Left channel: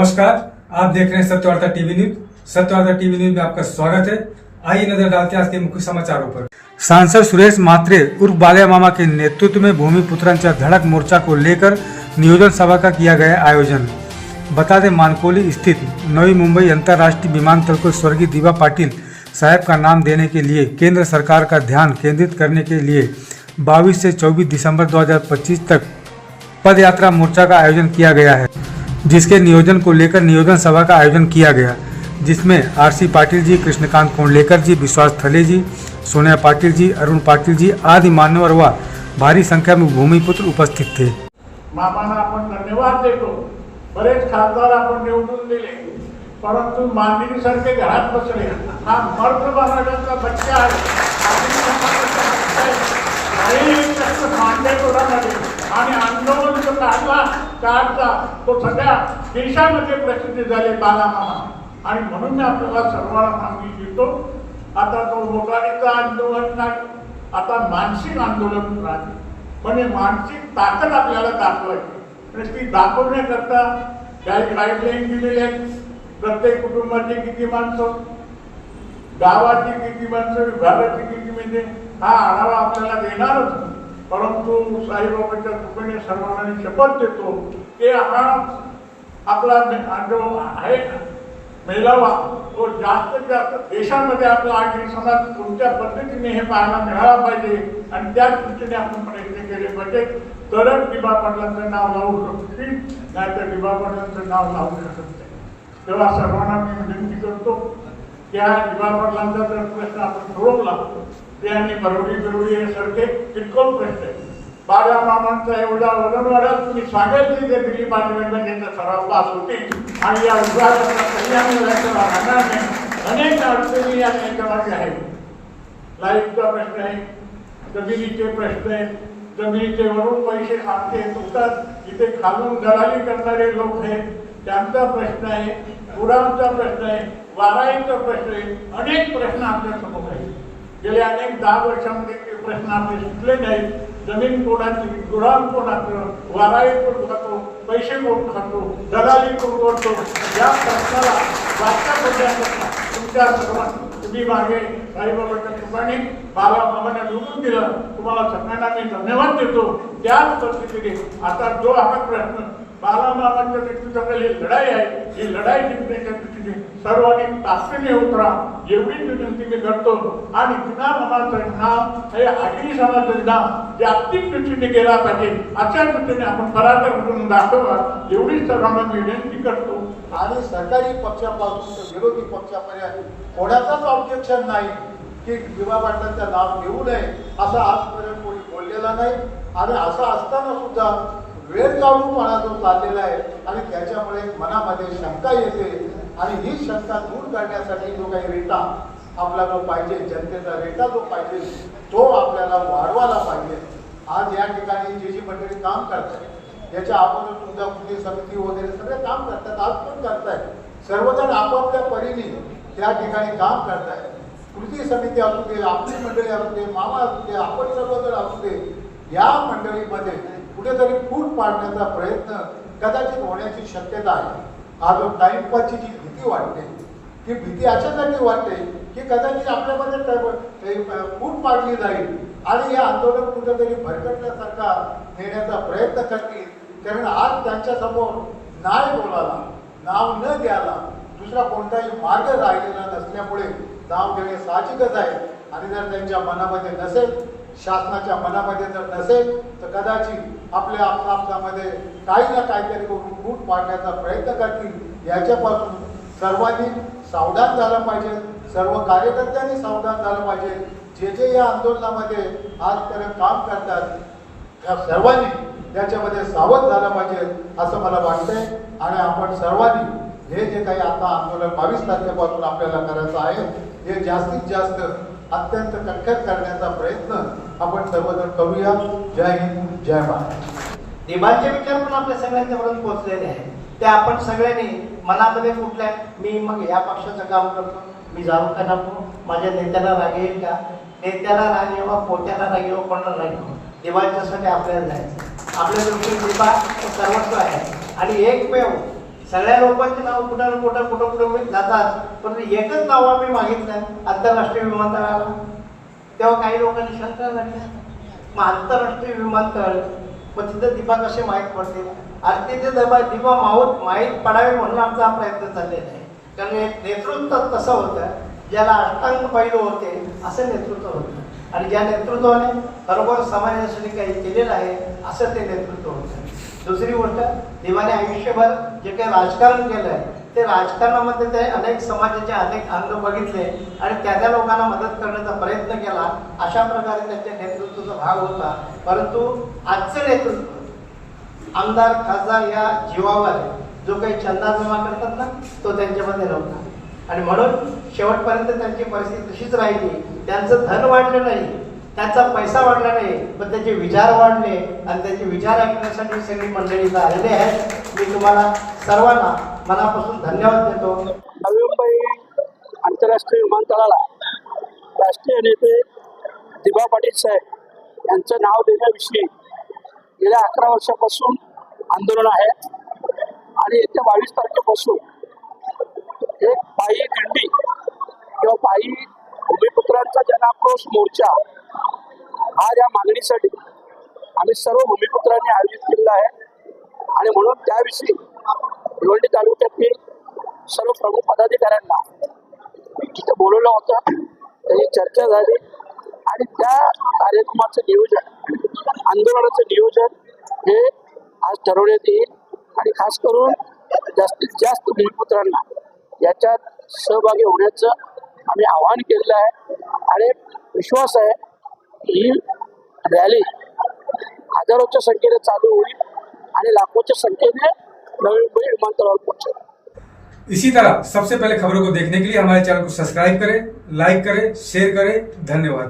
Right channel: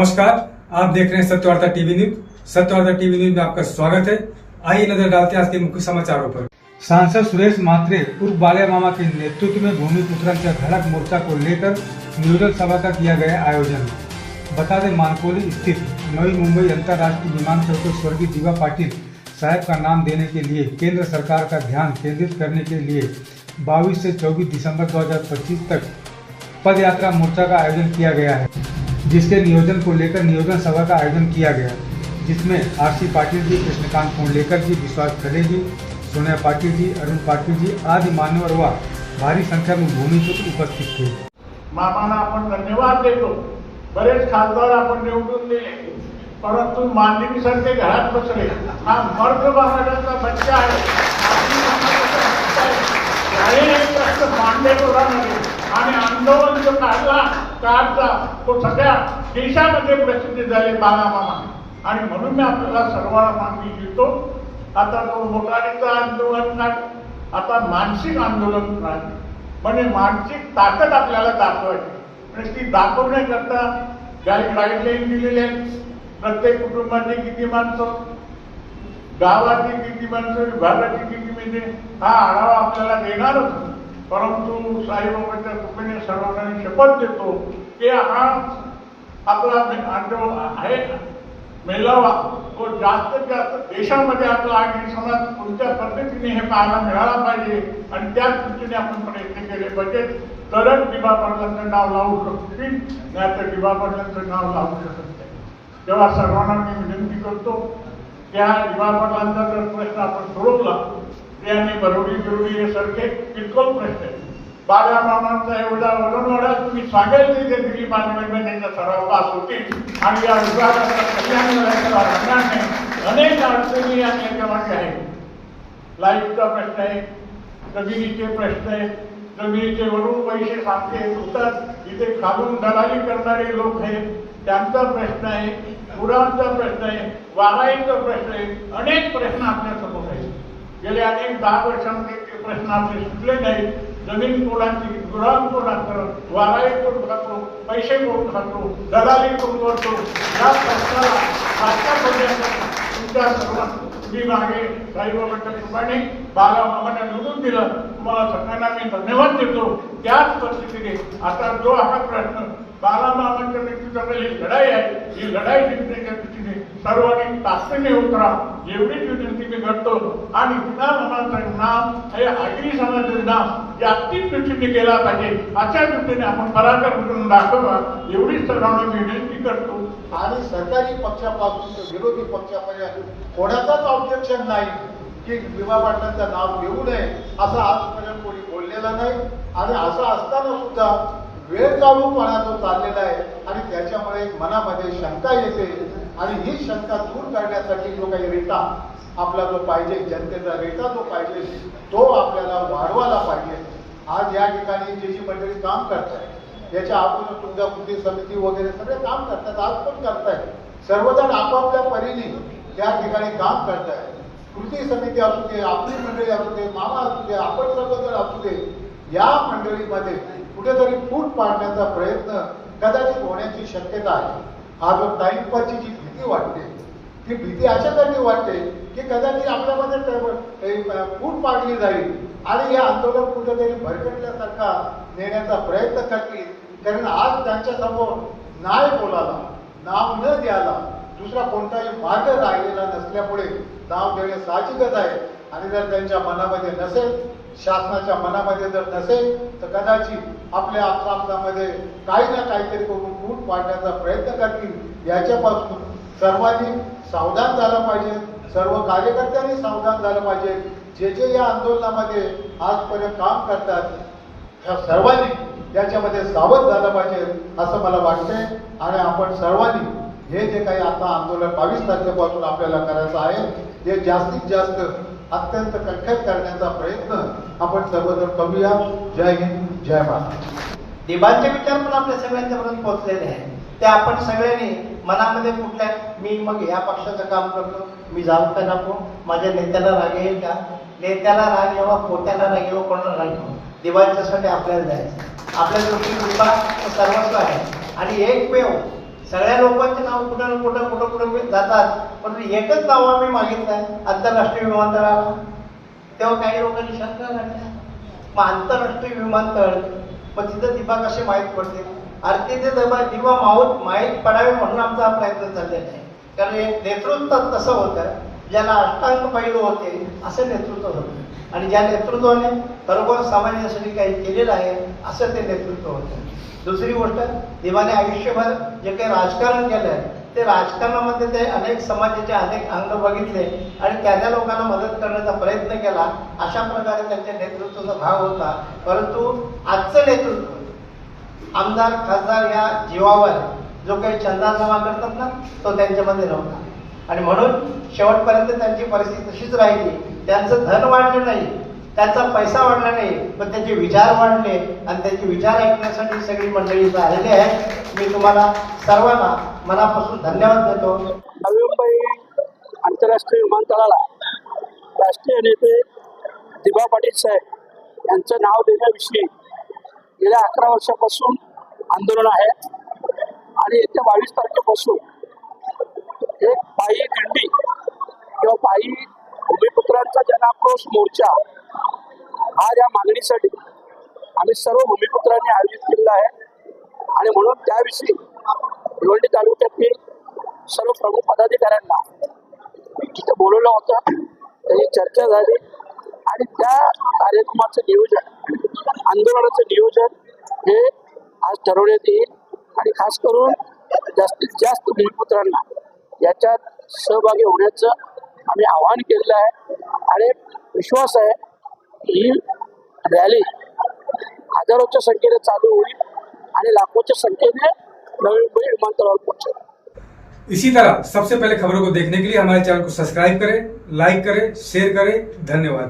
नमस्कार, आप देख रहे हैं Satyavarta TV news. Satyavarta TV news में आपका स्वागत है। आइए नजर डालते हैं आज के मुख्य समाचारों पर। सांसद सुरेश म्हात्रे उर्फ बाल्या मामा के नेतृत्व में भूमिपुत्रांच्या धड़क मोर्चा को लेकर नियोजन सभा का किया गया आयोजन। बता दें, मानकोली स्थित नवी मुंबई अंतर्राष्ट्रीय विमानतल को स्वर्गीय दिवा पाटिल साहब का नाम देने के लिए केंद्र सरकार का ध्यान केंद्रित करने के लिए 22 से 24 दिसंबर 2025 तक पद यात्रा मोर्चा का आयोजन किया गया है, जिसके नियोजन को लेकर नियोजन सभा का आयोजन किया गया, जिसमें आरसी पाटिल जी, कृष्णकांत कोंडलेकर जी, विश्वास थले जी, सोनिया पाटिल जी, अरुण पाटिल जी आदि मान्यवर व भारी संख्या में भूमिपुत्र उपस्थित थे। मामांना आपण धन्यवाद देतो। बरेच खासदार आपण निवडून दिले, परंतु मांदिनीसारखे घरात बसले। हा मर्द समाजाचा बच्चा आहे आणि आंदोलन जो काढला तो सगळ्या देशामध्ये प्रसिद्ध झाले बाला मामा। आणि म्हणून मी आपल्याला सर्वांना मागणी देतो, आता तो मोटारीचं आंदोलन नाही, आता मानसिक आंदोलन नाही, म्हणजे मानसिक ताकद आपल्याला दाखवायची। ती दाखवण्याकरता गाईडलाईन दिलेले आहेत। प्रत्येक कुटुंबाची किती माणसं, गावाची किती माणसं, विभागाची किती, म्हणजे हा आढावा आपल्याला देणारच। परंतु साईबाबाच्या कृपेने सर्वांनी शपथ देतो की हा आपला जो आहे मेळावा तो जास्तीत जास्त देशामध्ये आपला आगरी समाज कोणत्या पद्धतीने हे पाहायला मिळाला पाहिजे आणि त्या दृष्टीने आपण प्रयत्न केले पाहिजे, तरच दिवा पाटलांचं नाव लावू शकतील, नाहीतर दिवा पाटलांचं नाव लावू शकत नाही। तेव्हा सर्वांना मी विनंती करतो, त्या दिवा पाटलांचा जर प्रश्न आपण सोडवला त्याने बरोडी सारखे किरकोळ प्रश्न आहे। बाल्या मामांचा एवढा वजनवाडा तुम्ही सांगाल की ते दिल्ली पार्लमेंटमध्ये सराव पास होतील आणि या विभागाचा कल्याण राहणार नाही। अनेक अडचणी या त्याच्यामागे आहेत। लाईटचा प्रश्न आहे, जमिनीचे प्रश्न आहे, जमिनीचे वरून पैसे खाते होतात, इथे खालून दलाली करणारे लोक आहेत त्यांचा प्रश्न आहे, पुरांचा प्रश्न आहे, वाराईचा प्रश्न आहे, अनेक प्रश्न आपल्या समोर आहेत। गेल्या अनेक 10 वर्षांमध्ये प्रश्न आपले सुटले नाहीत। जमीन कोणाची, गुराम कोणाचं, वाराई कोण खातो, पैसे कोण खातो, दलाली कोण करतो, या प्रश्नाला तुमच्या तुम्ही मागे साईबाबाच्या कृपेने बाला मामाने निवडून दिलं, तुम्हाला सगळ्यांना मी धन्यवाद देतो। त्याच पद्धतीने आता जो हा प्रश्न बाला मामाच्या नेतृत्वाखाली ही लढाई आहे, ही लढाई जिंकण्याच्या दृष्टीने सर्वांनी ताकदीने उतरा एवढीच विनंती मी करतो। आणि दिवा मामाचं नाव हे आगरी समाजाचं नाव जागतिक दृष्टीने गेला पाहिजे, अशा दृष्टीने आपण पराक्रम करून दाखवा एवढीच सर्वांना मी विनंती करतो। आणि सरकारी पक्षापासून ते विरोधी पक्षापर्यंत कोणाचाच ऑब्जेक्शन नाही की दिवा पाटलांचं नाव घेऊ नये, असं आजपर्यंत कोणी बोललेलं नाही। आणि असं असताना सुद्धा वेळ काढूनपणा जो चाललेला आहे आणि त्याच्यामुळे मनामध्ये शंका येते आणि ही शंका दूर करण्यासाठी जो काही रेटा आपल्याला पाहिजे, जनतेचा रेटा जो पाहिजे तो आपल्याला वाढवायला पाहिजे। आज या ठिकाणी जी मंडळी काम करतात, याच्या अगोदर तुमच्या कृती समिती वगैरे सगळे काम करतात, आज पण करतायत, सर्वजण आपापल्या परीने त्या ठिकाणी काम करतायत। कृती समिती असू दे, आपली मंडळी असू दे, मामा असू दे, आपण सर्वजण असू दे, या मंडळीमध्ये कुठेतरी फूट पाडण्याचा प्रयत्न कदाचित होण्याची शक्यता आहे। आज टाइमपासची जी भीती वाटते, ती भीती अशासाठी वाटते की कदाचित आपल्यामध्ये फूट पाडली जाईल आणि या आंदोलन कुठेतरी भरकटल्यासारखा नेण्याचा प्रयत्न करतील। कारण आज त्यांच्या समोर नाही बोलायला, नाव न द्यायला दुसरा कोणताही मार्ग राहिलेला नसल्यामुळे नाव देणे साहजिकच आहे। आणि जर त्यांच्या मनामध्ये नसेल, शासनाच्या मनामध्ये जर नसेल, तर कदाचित आपल्या आपल्यामध्ये काही ना काहीतरी करून फूट पाडण्याचा प्रयत्न करतील। याच्यापासून सर्वांनी सावधान झालं पाहिजे, सर्व कार्यकर्त्यांनी सावधान झालं पाहिजे। जे या आंदोलनामध्ये आजपर्यंत काम करतात त्या सर्वांनी याच्यामध्ये सावध झालं पाहिजे असं मला वाटतंय। आणि आपण सर्वांनी हे जे काही आता आंदोलन 22 तारखेपासून आपल्याला करायचं आहे, हे जास्तीत जास्त अत्यंत कणखर करण्याचा प्रयत्न आपण सर्वजण करूया। जय हिंद, जय महाराष्ट्र। दिवाचे विचार पण आपल्या सगळ्यांच्यापर्यंत पोहोचलेले आहे, ते आपण सगळ्यांनी मनामध्ये कुठल्या मी मग या पक्षाचं काम करतो, मी जाऊ का नको, माझ्या नेत्याला राग येईल का, नेत्याला राग येवा, पोट्याला राग येवा, कोणाला राग येवा, दिवाच्यासाठी आपल्याला जायचं। आपल्या गोष्टी सर्वस्व आहे आणि एकमेव सगळ्या लोकांचं नाव कुठं जातात, परंतु एकच नाव आम्ही मागितलं आंतरराष्ट्रीय विमानतळाला. तेव्हा काही लोकांनी शंका घातल्या, मग आंतरराष्ट्रीय विमानतळ मग तिथं दिवा कसे माहीत पडतील. आणि तिथे दिवा माहीत पडावे म्हणून आमचा हा प्रयत्न चाललेला आहे. कारण नेतृत्व तसं होतं, ज्याला अष्टांग पैलू होते असं नेतृत्व होतं, आणि ज्या नेतृत्वाने खरोखर समाजासाठी काही केलेलं आहे असं ते नेतृत्व होतं. दुसरी गोष्ट, देवाने आयुष्यभर जे काही राजकारण केलं आहे ते राजकारणामध्ये ते अनेक समाजाचे अनेक अंग बघितले आणि त्या लोकांना मदत करण्याचा प्रयत्न केला. अशा प्रकारे त्यांच्या नेतृत्वाचा भाग होता. परंतु आजचं नेतृत्व आमदार खासदार या जीवावर जो काही चंदा जमा करतात ना, तो त्यांच्यामध्ये नव्हता. आणि म्हणून शेवटपर्यंत त्यांची परिस्थिती तशीच राहिली. त्यांचं धन वाढलं नाही, त्यांचा पैसा वाढला नाही, पण त्यांचे विचार वाढले आणि त्यांचे विचार ऐकण्यासाठी सगळी मंडळी इथं आलेली आहेत. मी तुम्हाला सर्वांना मनापासून धन्यवाद देतो. नवी मुंबई आंतरराष्ट्रीय विमानतळाला राष्ट्रीय नेते दिबा पाटील साहेब यांचं नाव देण्याविषयी गेल्या 11 वर्षापासून आंदोलन आहे. आणि येत्या 22 तारखेपासून एक पायी दिंडी किंवा पायी भूमिपुत्रांचा जनाक्रोश मोर्चा आज या मागणीसाठी आम्ही सर्व भूमिपुत्रांनी आयोजित केलेला आहे. आणि म्हणून त्याविषयी भिवंडी तालुक्यातील सर्व प्रमुख पदाधिकाऱ्यांना तिथे बोलवलं होतं. त्याची चर्चा झाली आणि त्या कार्यक्रमाचं नियोजन, आंदोलनाचं नियोजन हे आज ठरवण्यात येईल. आणि खास करून जास्तीत जास्त भूमिपुत्रांना याच्यात सहभागी होण्याचं आम्ही आवाहन केलेलं आहे. आणि विश्वास आहे ही रॅली हजारोच्या संख्येने चालू होईल आणि लाखोच्या संख्येने नवी मुंबई विमानतळावर पोहोचेल. इसी तरह सबसे पहले खबरों को देखने के लिए हमारे चैनल को सब्सक्राइब करें, लाइक करें, शेयर करें. धन्यवाद.